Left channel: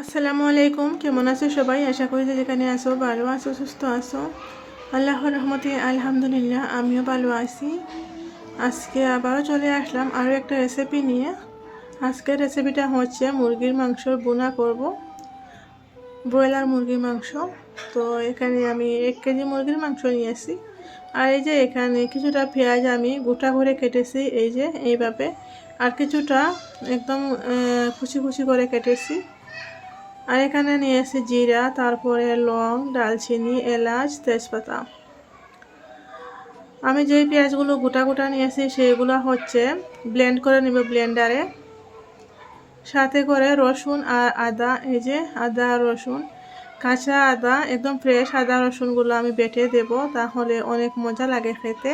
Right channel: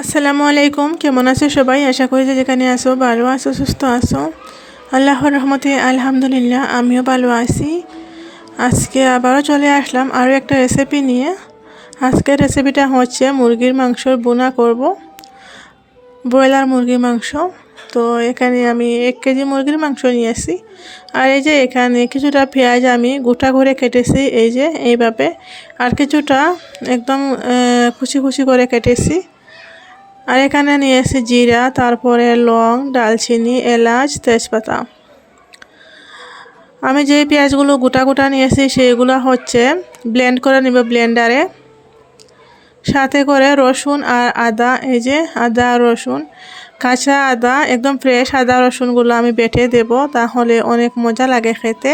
আসসালামু আলাইকুম, কেমন আছো সবাই? আশা করি যে যেখানে আছো ভালো আছো, সুস্থ আছো। আল্লাহর রহমতে আলহামদুলিল্লাহ আমিও ভালো আছি। আজকে আবারও চলে আসলাম আরও একটা রেসিপি নিয়ে। আজকের রেসিপিটা হচ্ছে মুরগির মাংসর বোনা করব, ব্রয়লার মুরগির মাংস। তো এখানে আমি 1 কেজি মুরগির মাংস নিয়েছি। আর এই যে এখানে কিছুটা পেঁয়াজ আমি গোটা করে কেটেছি, এই যে এইভাবে। আর কিছুটা একদম কুচি কুচি করে কেটেছি। আর এখানে নিয়েছি জিরা, তারপরে লং, দালচিনি, এলাচ, তেজপাতা। আমি যেই পেঁয়াজগুলো গোটা গোটা নিয়েছি সেইগুলো হচ্ছে ব্লেন্ড করে নিব ব্লেন্ডারে। সাথে করে রসুন আর আদা, এই যে আদা রসুন, কাঁচা আদা, একদম ফ্রেশ আদা রসুনগুলো আমি বেটে দেব, তাহলে অনেক মজা লাগে খেতে।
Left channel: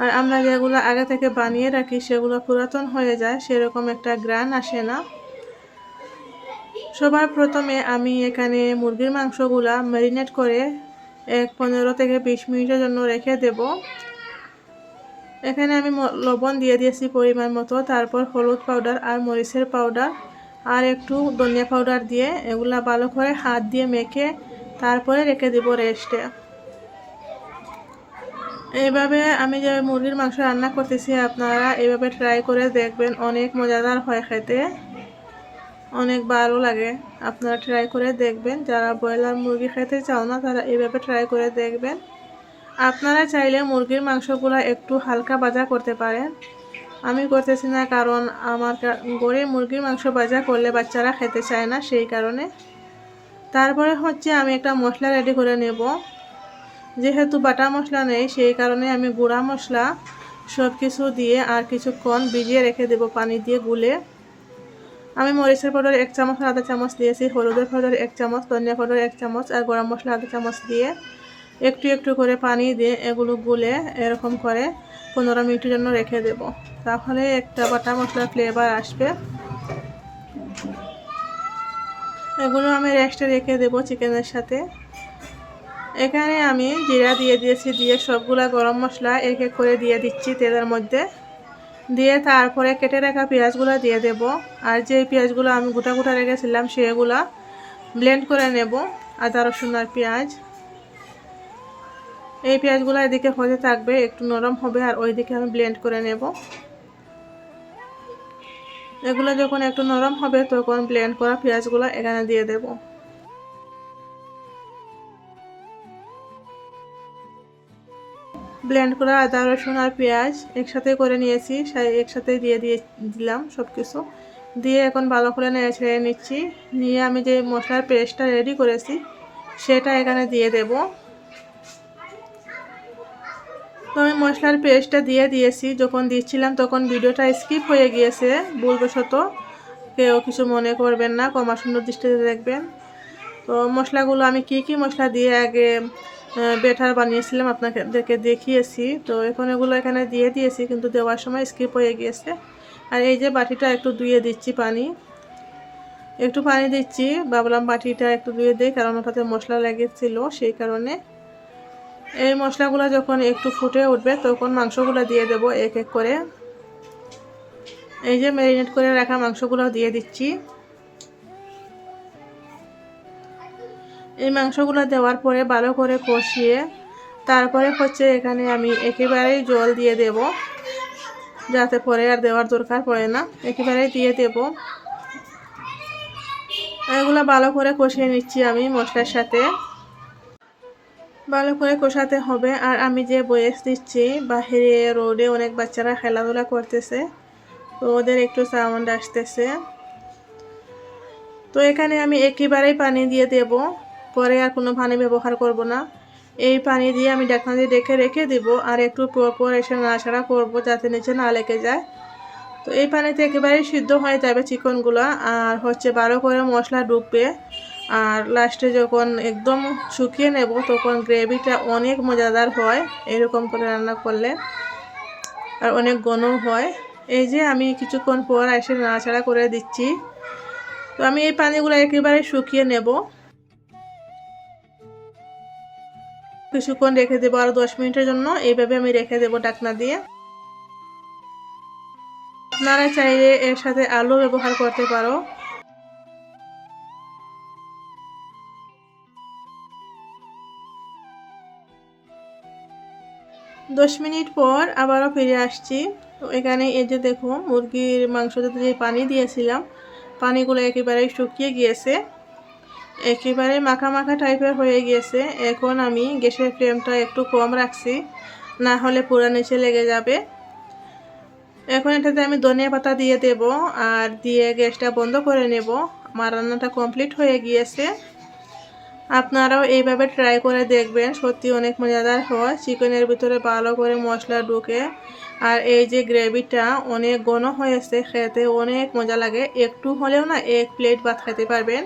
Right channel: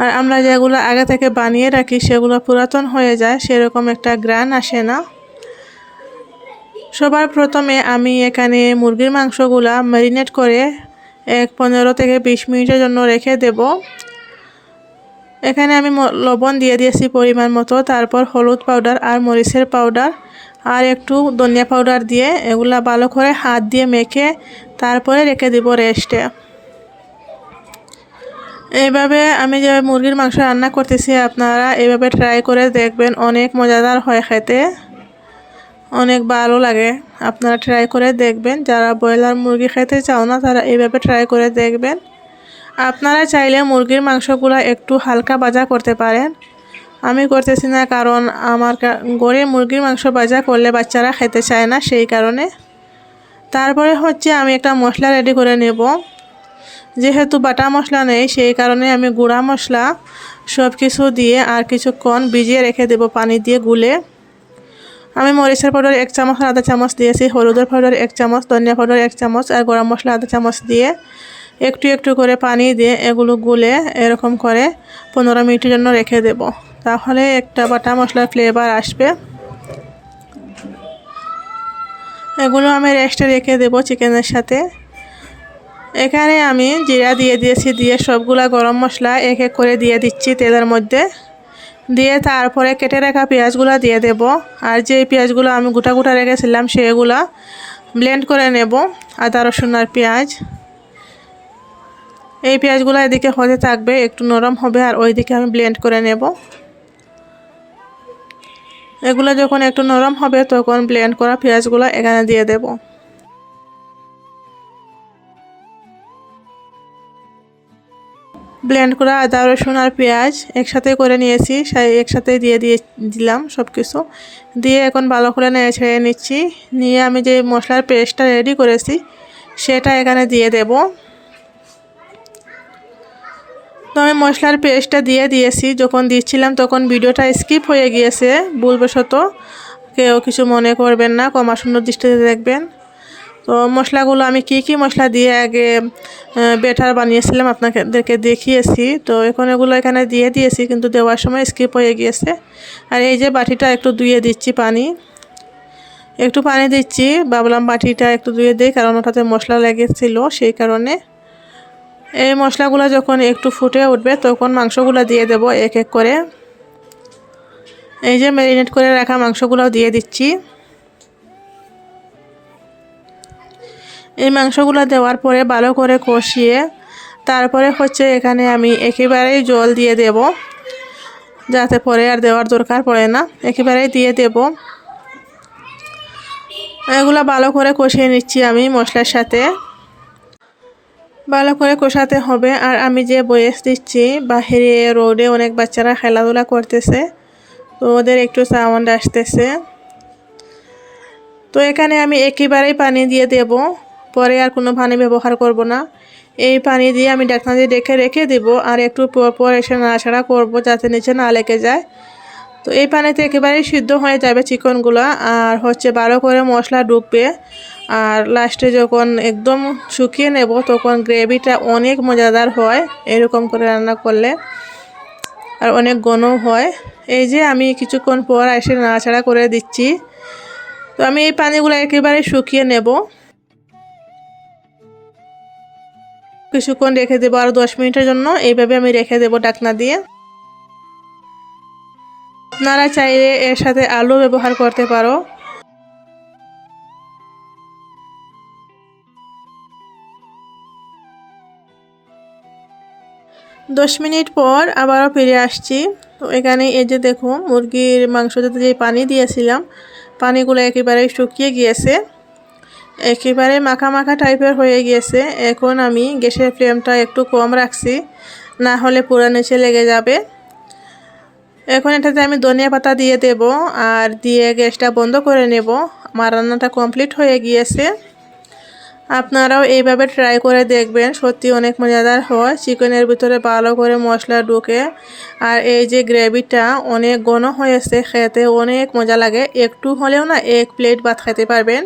আর আমরা যেগুলো আগে থেকে বানিয়ে রাখি সেগুলো পুরাতন হয়ে যায়, সেরকম একটা গ্রান আসে না। সবার প্রথমে আমি এখানে মুরগির মাংসগুলা ম্যারিনেট করে 15 থেকে 20 মিনিটের জন্য রেখে দেব। এখানে আমি লবণ দিয়ে দিয়েছি পরিমাণ মতো, তারপর হলুদ পাউডার আর মরিচের পাউডার আর একটু ধনিয়া পাউডার দিয়ে এগুলা ভালো করে হাত দিয়ে মেখে তারপরে রেখে দেব রেস্টে। এইভাবে আমি যে মুরগির মাংস রান্না করতেছি আপনারা এইভাবে ট্রাই করে দেখবেন, অনেক মজাদার হয় খেতে, অনেক ভালো লাগে। আপনারা ট্রাই করে দেখবেন, যারা ব্রয়লার মুরগি খেতে চাও না তারা এইভাবে ট্রাই করে দেখবেন। আপনারা চাইলে মুরগির মাংসগুলো একটু হালকা ভাজা করতে পারেন, আমি করতেছি না কারণ আমার ঘরে মুরগির মাংস ভাজা করলে বাচ্চারা খেতে চায় না, সেই কারণে। তারপরে হচ্ছে আমি একটা মশলা রেডি করে নেব। যেহেতু বাটা মশলা নেই সেই কারণে আমি গুঁড়া মশলা সব কিছু দিয়ে আর কিছুক্ষণ ভিজিয়ে রেখে দেব পানি দিয়ে গুলে। আমি মরিচের পাউডার 1 চামচ আর আধা চামচ দিয়েছি, হলুদের পাউডার 1 চামচ, ধনিয়া পাউডার 1 চামচ আর গরম মশলা আধা চামচ দিয়ে একটু একটু করে পানি দিয়ে এগুলো গুলে এরকম করে 15 মিনিটের জন্য রেখে দেব, তাহলে একটা বাটা মশলার ফ্লেভার আসবে। এগুলো আমি রেস্টে রেখে দেব চিকেনের সাথে। এখানে আমি জিরা দিয়ে দিয়েছি, দিয়ে সবগুলা গরম মশলা এক এক করে দিয়ে দিচ্ছি তেলের মধ্যে, দিয়ে তারপরে কেটে রাখা পেঁয়াজগুলো দিয়ে দেব। আর যে পেঁয়াজগুলো আমি গোটা গোটা রেখেছিলাম সেগুলা ব্লেন্ড করে নেব, আদা রসুন আর পেঁয়াজ। এই পেঁয়াজগুলো এদিকে হতে থাকবে, একটু নরম হবে আর ওইদিকে আমি ব্লেন্ড করে নেব। এগুলো যখন একটু নরম হবে তখন ব্লেন্ড করা পেঁয়াজগুলো এখানে দিয়ে দেব। ব্লেন্ড করা আদা রসুন আর পেঁয়াজ একসাথে করে নিয়েছি, একসাথে দিলাম সব কিছু দিয়ে এখন ভালো করে নেড়ে ছেড়ে নিচ্ছি। নিয়ে আমি যে মশলার পেস্টটা রেডি করেছি সেটা এখানে দিয়ে দেব। তো আমি মশলার পেস্টটা দিয়ে দিয়েছি, যখন দিচ্ছিলাম তখন ভিডিওটা স্কিপ হয়ে গিয়েছে ভুলবশত, কেউ কিছু মনে করবেন না, ক্ষমা সুন্দর দৃষ্টিতে দেখবেন। তো মশলাগুলো আমি কি মশলা দিয়ে আগে ব্যাটার বানিয়েছিলাম আপনাদেরকে দেখিয়েছি, তো এখন এগুলো এখানে দিয়ে দিয়েছি কিন্তু দেওয়ার সময় স্কিপ হয়ে গিয়েছে। আর এই যে বাটিটা একটু ধুয়ে দিচ্ছি, একটু পানি দিচ্ছি, ভাবলাম বাটিটা একটু ধুয়ে দিই কারণ ওটাতে মশলা লেগেছিল, সেই কারণে। এই মশলাগুলো যখন একটু ফুটে উঠবে তখন মাংসগুলো দিয়ে দেব এক এক করে। এই যে ম্যারিনেট করে রাখা মাংসগুলো দিয়ে দিচ্ছি। এই মাংসগুলো দেওয়ার পরে ভালো করে কষিয়ে তারপরে হচ্ছে এখানে আমি একেবারেই জল দিয়ে দেব, যাতে পরে আর দেওয়ার দরকার পড়ে না, একেবারেই দিয়ে দেব। এগুলো ভালো করে কষিয়ে নিচ্ছি আমি মশলার সাথে, ভালো করে কষাতে হবে। আর আমি যে বয়েস দিচ্ছি বাহিরে রোডে অনেক বাচ্চারা খেলাধুলা করতেছে, তো ওদের একটু সাউন্ড আসতেছে। তো এখানে আমি একেবারেই পানি দিয়ে দেব, পরে আর কোনো পানি ব্যবহার করব না। এই পানি দিয়ে আমি ঢাকনা দিয়ে রেখে দেব আর একটু পর এসে নাড়াচাড়া করব যাতে নিচে না লেগে যায়। তো এই পানিতে একেবারেই সিদ্ধ হয়ে যাবে চিকেনগুলো, আর হচ্ছে ভালো করে মশলা ডুববে। আর লাস্টে যখন একদম শুকিয়ে নেব তখন গ্রেভিটা অনেক মজাদার হয় এরকম করে রান্না করলে, আর অনেক ঘনও হয়। এই যে আমি কিছুক্ষণ পর এসে নাড়াচাড়া করে দিচ্ছি। তো আমি এই পানিগুলো একেবারে শুকিয়ে নেব, কিছুক্ষণ রেখে দেবো আরও 10 মিনিটের জন্য। এইভাবে আমি রেখে দেবো ঢাকনা দিয়ে। আপনারা চাইলে এর সাথে আলু ব্যবহার করতে পারো। 10 মিনিট পর আবারও ফিরে আসছি। তো এখানে এই যে দেখুন মুরগির মাংসতে যে পানি দিয়েছিলাম, পানিগুলো একেবারে শুকিয়ে গিয়েছে, একেবারে মাখা মাখা টাইপের হয়ে গিয়েছে। এখন আমি গ্যাসের ফ্লেমটা একটু কম রাখছি, না হলে পুরো নিচে লেগে যাবে। এখন এটাতে আমি ধনিয়া পাতা দিয়ে দেব আর দিয়ে গ্যাসটা বন্ধ করে নেব। আমার রান্নাটা কমপ্লিট হয়ে গিয়েছে। আপনারাও এইভাবে ট্রাই করে দেখবেন, সত্যি অনেক মজাদার হয়। চিকেনের ভিতরে ভালো করে মশলা ঢুকে আর এই যে গ্রেভিটা অনেক ঘন হয়েছে, খেতে অনেক মজা লাগে। একটু হলেও না 1 প্লেট ভাত খেতে পারবেন।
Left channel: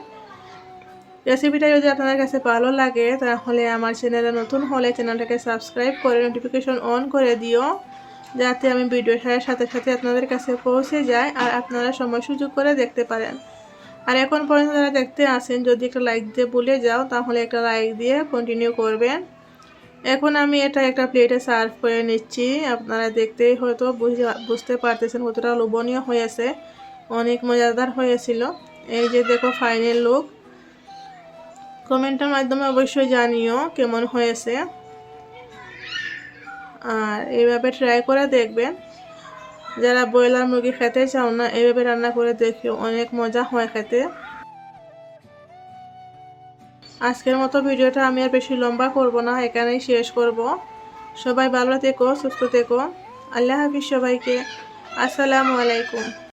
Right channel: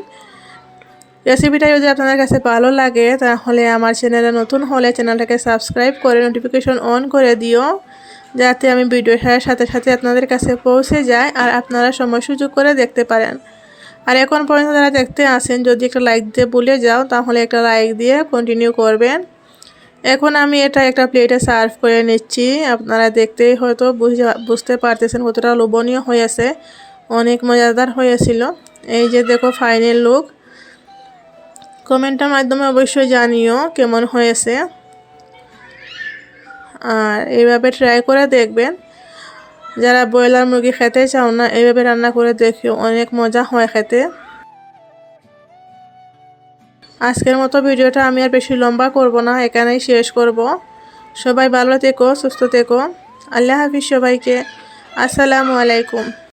রেসিপিটা যদি আপনাদের কাছে ভালো লাগে তাহলে আমার চ্যানেলে নতুন হলে চ্যানেলটাকে সাবস্ক্রাইব করে নোটিফিকেশন অন করে দিও, যাতে আমি ভিডিও ছাড়ার সাথে সাথে আপনাদের কাছে পৌঁছে যায় আর আপনারা সময় সুযোগ করে দেখতে পারেন। আর এখন পর্যন্ত যারা দেখতে আসেন, যদি একটা লাইক দিয়ে ভুলে যাও তাহলে একটা লাইক দিয়ে কন্টিনিউ করবেন। এখন আমি এটা একটা প্লেটে সার্ভ করে নিচ্ছি। আপনারা দেখতেই হয়তো বুঝতে পারতেছেন কতটা লোভনীয় হয়েছে, অনেক মজাদার হয়েছিল। এই যে দেখো ফাইনাল লুক। কমেন্টের মাধ্যমে অবশ্যই জানিও কেমন হয়েছে। আর এইভাবে ট্রাই করে দেখবেন। যারা ব্রয়লার মুরগি খেতে চাও না, এইভাবে রান্না করে দেখিও, অনেক মজা হয় খেতে। আজকের মতো ভিডিওটা আমি আর বেশি লম্বা করব না, এখানেই শেষ করব। সবাই ভালো থেকো, সুস্থ থেকো। আল্লাহ হাফিজ সবাইকে। আসসালামু আলাইকুম।